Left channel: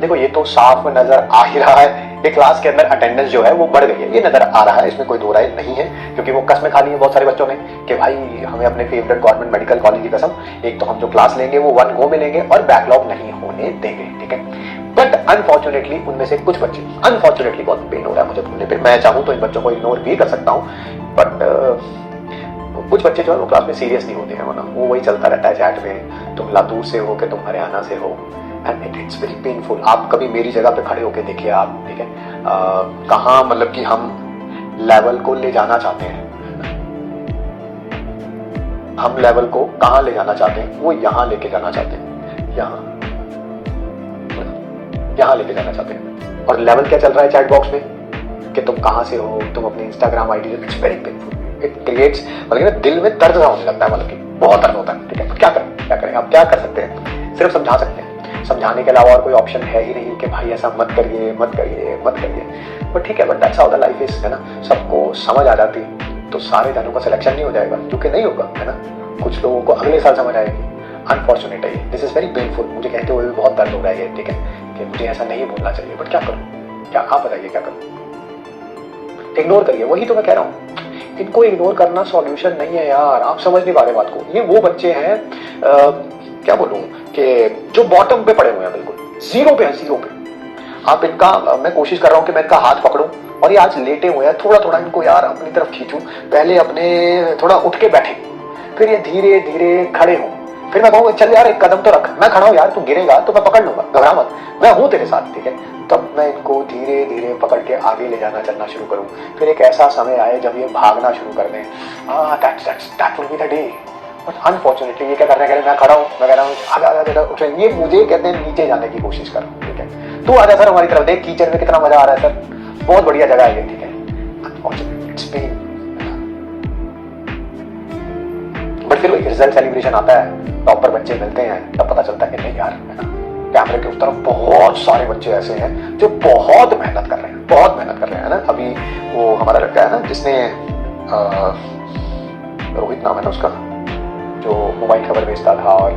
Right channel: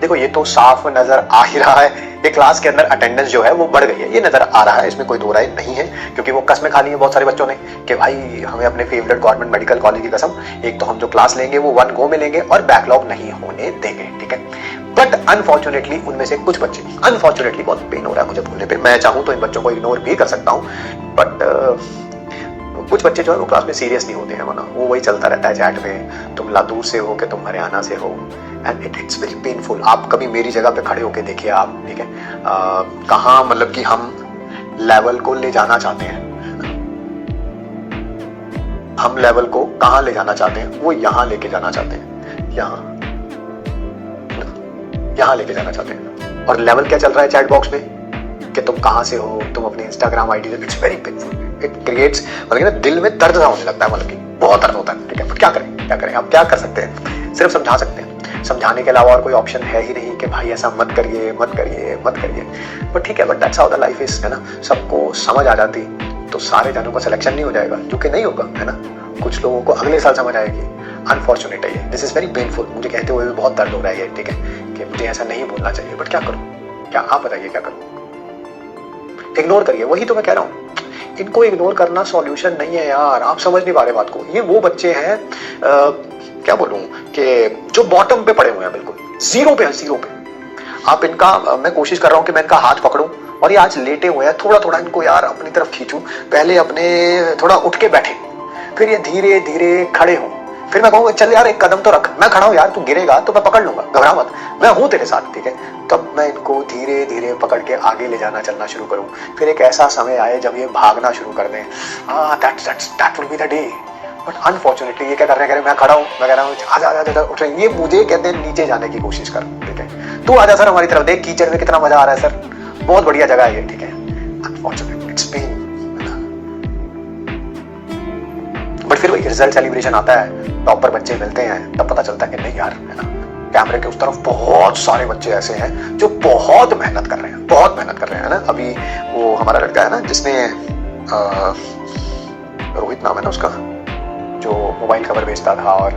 देखो ये तो साफ नजर आ ही रहा है, ये क्लास के अंदर अटेंडेंस जो है वो बढ़ गई है, ये नजर आ रहा है, इसमें कोई दो राय नहीं है, क्योंकि वो कसमें खा ली है बहुत सारे बच्चों ने कि भाई हमें अपने फेवरेट गवर्नमेंट मेडिकल कॉलेज की कसम, एक तो हम जो क्लास लेंगे वो 1 गो में लेंगे और बैकलॉग नहीं होने देंगे, ठीक है। बट अनफॉर्चुनेटली उनमें से कुछ बच्चे, अनफॉर्चुनेटली बहुत पेन हो रहा है मुझे बोलने पे, मैं चाहूँ तो इन बच्चों को इग्नोर भी कर सकता हूँ, बट कुछ बच्चे जो है वो क्लास में सीरियस नहीं होते हैं, वरना वो वही चलता रहता है चैट में, तुम लातूर से हो कि तुम हरियाणा से हो, एंड इट्स वेरी पेनफुल। आप कभी मेरी जगह पे खड़े होके देखिए आप, ठीक है, कहाँ मतलब कि हम लेवल को ले जाना चाहते हैं, हम लेवल को कहाँ ले जाना चाहते हैं, वो यहाँ लेके जाना चाहते हैं, यहाँ लेके जाना चाहते हैं। और लेवल क्या चल रहा है चैट बॉक्स में कि तुम कहाँ से हो, तुम अपने Instagram ID, it's very painful, it creates मतलब ना दिल में दर्द सा होने लगता है, मतलब कि बहुत दर्द होता है, ठीक है। क्या करें आप क्या कर सकते हैं, सिर्फ समझा सकते हैं, समझाने के अलावा और कोई ऑप्शन है ही नहीं कि भाई ऐसा मत करिए मत करिए मत करिए, बट ठीक है, but that's how the life is, है ना। सबको समझ आ जाती तो सारे जानों का सिलेक्शन नहीं हो जाएगा, क्योंकि नहीं होगा, है ना, कुछ लोगों को अगले साल समझ आएगी। अनफॉर्चुनेट है ये, दिस इज वेरी पेनफुल, मुझे कहते हुए भी बहुत दर्द हो रहा है ये, ठीक है, कि मुझे ऐसा नहीं बोलना चाहिए, बट क्या करूं, क्या आप बताइए क्या करूं। इग्नोर करिए, वही तो मैं कह रहा हूं, इनको इग्नोर करना सॉल्यूशन नहीं है यार, आप समझ नहीं पा रहे बात को। ये वो बच्चे हैं क्या बोलूं कि जो बॉटम पे पड़े हुए हैं, बिल्कुल जीरो पे। आप इनका, मैं कोशिश कर रहा हूं कि मैं इनका हाथ पकड़ूं, और ये आज लेटे हुए हैं, थोड़ा थोड़ा इनको यार अपनी तरफ खींचूं, पहले अपने थोड़ा उठ के बैठे, फिर ये धीरे धीरे खड़े हों, फिर मैं कहूँगा चल यार एक कदम तो रख, मैं खड़ा हूँ यार, तू गिरेगा तो मैं पकड़ लूंगा, घबरा मत, मैं हूँ तेरे साथ, ठीक है। तब मैं इनको धीरे धीरे पकड़ के आगे ले जाना चलना शुरू करूँ, फिर एक ऐसा समय आए जब ये भागना शुरू कर दें, that will be the day. But unfortunately ये क्या कर रहे हैं, मैं खड़ा हूँ, मैं कह रहा हूँ आजा उठ रहे, ये मुझे कहते हैं नीचे जाने की कोशिश कर रहा हूँ, ठीक है, तू आजा सर हमारी तरफ, देख कीचड़ में कितना मजा आ रहा है सर, बहुत बढ़िया जगह है ये, ठीक है। अनफॉर्चुनेटली इट्स पेन, बट फिर वही रिजल्ट सेलिब्रेशन आता है, टॉपर बच्चे मिलते हैं, तब पता चलता है कि नहीं यार, है ना, कैमरे के उस तरफ बहुत सारे बच्चे ऐसे हैं जो बहुत मेहनत कर रहे हैं, बहुत मेहनत कर रहे हैं, है ना। अभी वो हमारा लड़का है ना जिसने रोहित नाम है ना उसका, जो मोबाइल खबर बेचता था, और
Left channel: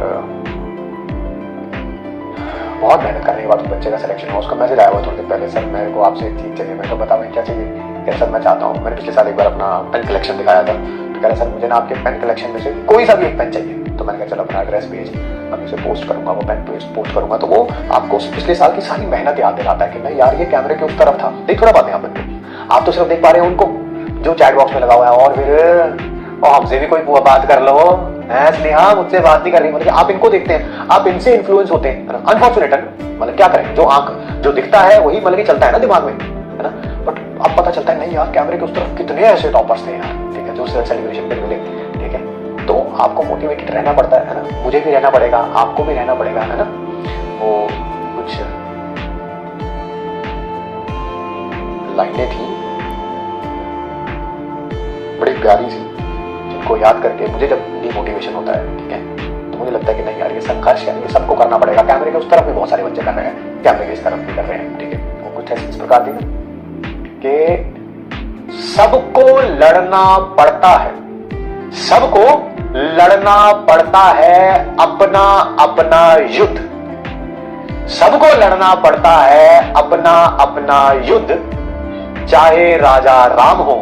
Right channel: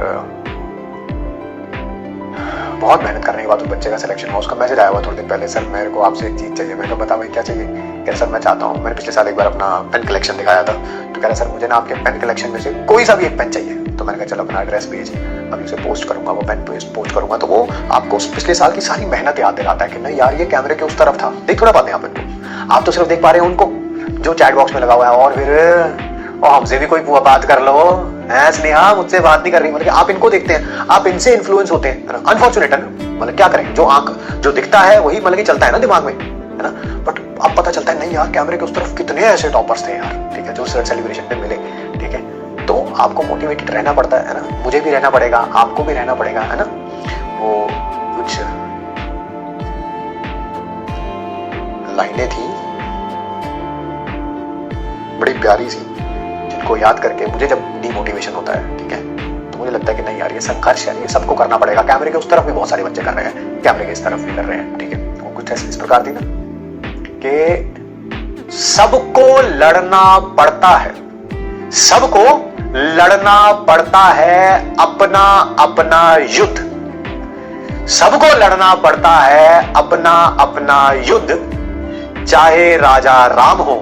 बहुत मेहनत करने के बाद उस बच्चे का सिलेक्शन हुआ। उसका मैसेज आया हुआ थोड़ी देर पहले, सर मेरे को आपसे एक चीज चाहिए। मैंने कहा बताओ क्या चाहिए। कह सर मैं चाहता हूँ, मैंने पिछले साल एक बार अपना पेन कलेक्शन दिखाया था, तो कह रहा सर मुझे ना आपके पेन कलेक्शन में से कोई सा भी एक पेन चाहिए। तो मैंने कहा चलो अपना एड्रेस भेज, अभी उसे पोस्ट करूंगा, वो पेन पोस्ट करूंगा, तो वो आपको पिछले साल की सारी मेहनत याद दिलाता है कि नहीं यार ये कैमरे के उस तरफ था। देख थोड़ा बातें आप तो सिर्फ देख पा रहे हैं उनको जो चैट बॉक्स में लगा हुआ है, और फिर हमसे भी कोई बात कर लो, स्नेहा मुझसे बात नहीं कर रही, मतलब आप इनको देखते हैं, आप इनसे इन्फ्लुएंस होते हैं, अनफॉर्चुनेट है ना, मतलब क्या करें, जो आंख जो दिखता है वही मतलब कि चलता है ना दिमाग में, है ना। बट अब पता चलता है नहीं यार कैमरे के उस तरफ कितने ऐसे टॉपर्स थे यार, ठीक है, जो सेलिब्रेशन पे मिले, ठीक है। तो आपको मोटिवेटेड रहना पड़ता है ना, मुझे भी रहना पड़ेगा, आपको भी रहना पड़ेगा, है ना। वो कुछ लाइनें थी बड़ी प्यारी सी, को याद करके मुझे जब डिमोटिवेशन होता है, ठीक है, तो मुझे लगता है कि नहीं यार ये संघर्ष है, ये सबको करना पड़ेगा। कैमरे के उस तरफ भी बहुत सारे बच्चे कर रहे हैं, कैमरे के इस तरफ भी कर रहे हैं, ठीक है। वो कुछ ऐसी इस प्रकार थी ना कि सबको लड़ना पड़ता है, सबको लड़ना पड़ता है अपना अपना युद्ध, सबको लड़ना पड़ता है अपना अपना युद्ध, चाहे राजा राम हो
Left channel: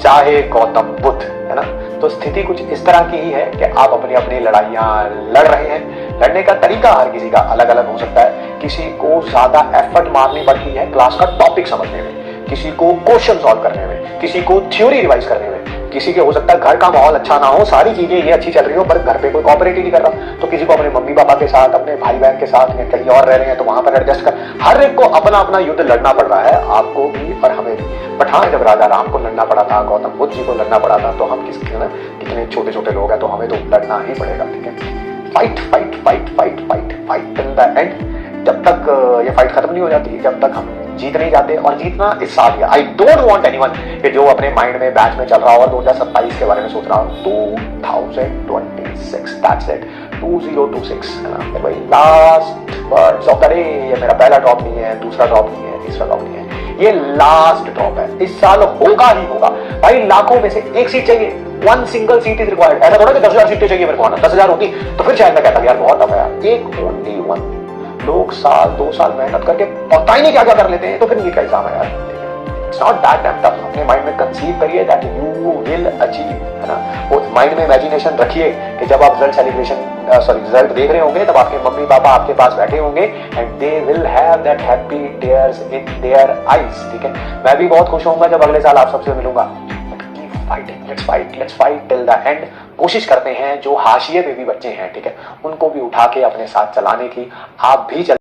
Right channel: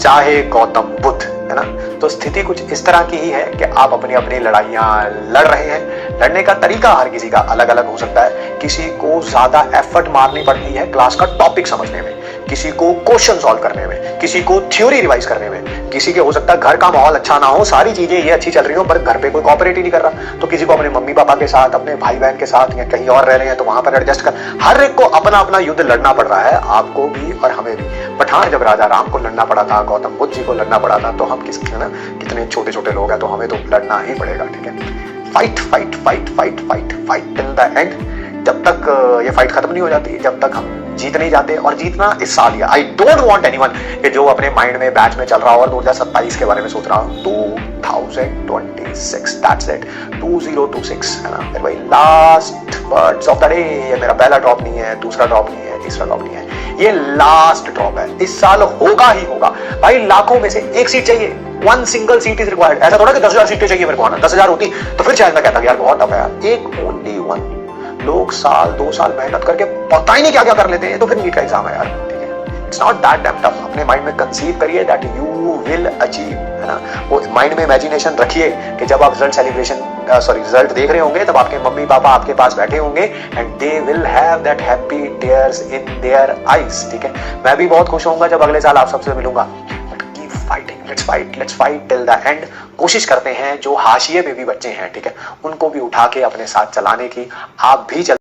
चाहे गौतम बुद्ध, है ना। तो स्थिति कुछ इस तरह की ही है कि आप अपनी अपनी लड़ाइयां लड़ रहे हैं। लड़ने का तरीका हर किसी का अलग अलग हो सकता है, किसी को ज्यादा एफर्ट मारनी पड़ती है क्लास का टॉपिक समझने में, किसी को क्वेश्चन सॉल्व करने में, किसी को थ्योरी रिवाइज करने में, किसी के हो सकता है घर का माहौल अच्छा ना हो, सारी चीजें ये अच्छी चल रही हो पर घर पे कोई कोऑपरेट ही नहीं कर रहा, तो किसी को अपने मम्मी पापा के साथ, अपने भाई बहन के साथ या कहीं और रह रहे हैं तो वहां पर एडजस्ट कर, हर एक को अपना अपना युद्ध लड़ना पड़ रहा है, आपको भी और हमें भी। बट हाँ, जब राजा राम को लड़ना पड़ा था, गौतम बुद्ध जी को लड़ना पड़ा था, तो हम कितने छोटे छोटे लोग हैं, तो हमें तो लड़ना ही पड़ेगा, ठीक है। Fight fight fight fight fight fight till the end, जब तक ये फाइट खत्म नहीं हो जाती, जब तक हम जीत नहीं जाते। और जीतना इस साल ही, आई डोंट वांट एनीवन कि जो अपने माइंड में बैच में चल रहा हो और 2027 के बारे में सोच रहा हो, 2026 दैट्स इट, 2026, है ना। भाई last words of the day, ये मेरा पहला ड्रॉप नहीं है, दूसरा ड्रॉप नहीं है, तीसरा ड्रॉप नहीं है, ये लास्ट ड्रॉप है। इस साल होगा ही होगा भाई, लाखों में से एक सीट चाहिए, one single seat is required. ऐसा थोड़ा कि 10,000 सीटें चाहिए मेरे को आना, 10,000 होती तो फिर शायद मैं कहता यार बहुत टफ है, एक ओनली वन लोग साल 2 साल मेहनत करके पता ही नहीं क्या क्या कर लेते हैं, तो फिर नीट का एग्जाम है यार, ठीक है। It's not that dam tough. अपने माइंड में कंसीव करिए दैट यू विल अचीव, है ना। वो माइंड में इमेजिनेशन रखिए कि जब आप रिजल्ट देख रहे होंगे तब आपके मम्मी पापा आपके पास बैठे होंगे and they will have that happy tears in their eyes, ठीक है। मैं भी बहुत खुश होऊंगा जब अगले साल आप सबसे मिलूंगा। Fighting, let's fight till the end. कोशिश करते हैं जो हाशिए में भी बच्चे हैं, ठीक है, उनको भी उठा के अपने साथ चलाने की। आप भी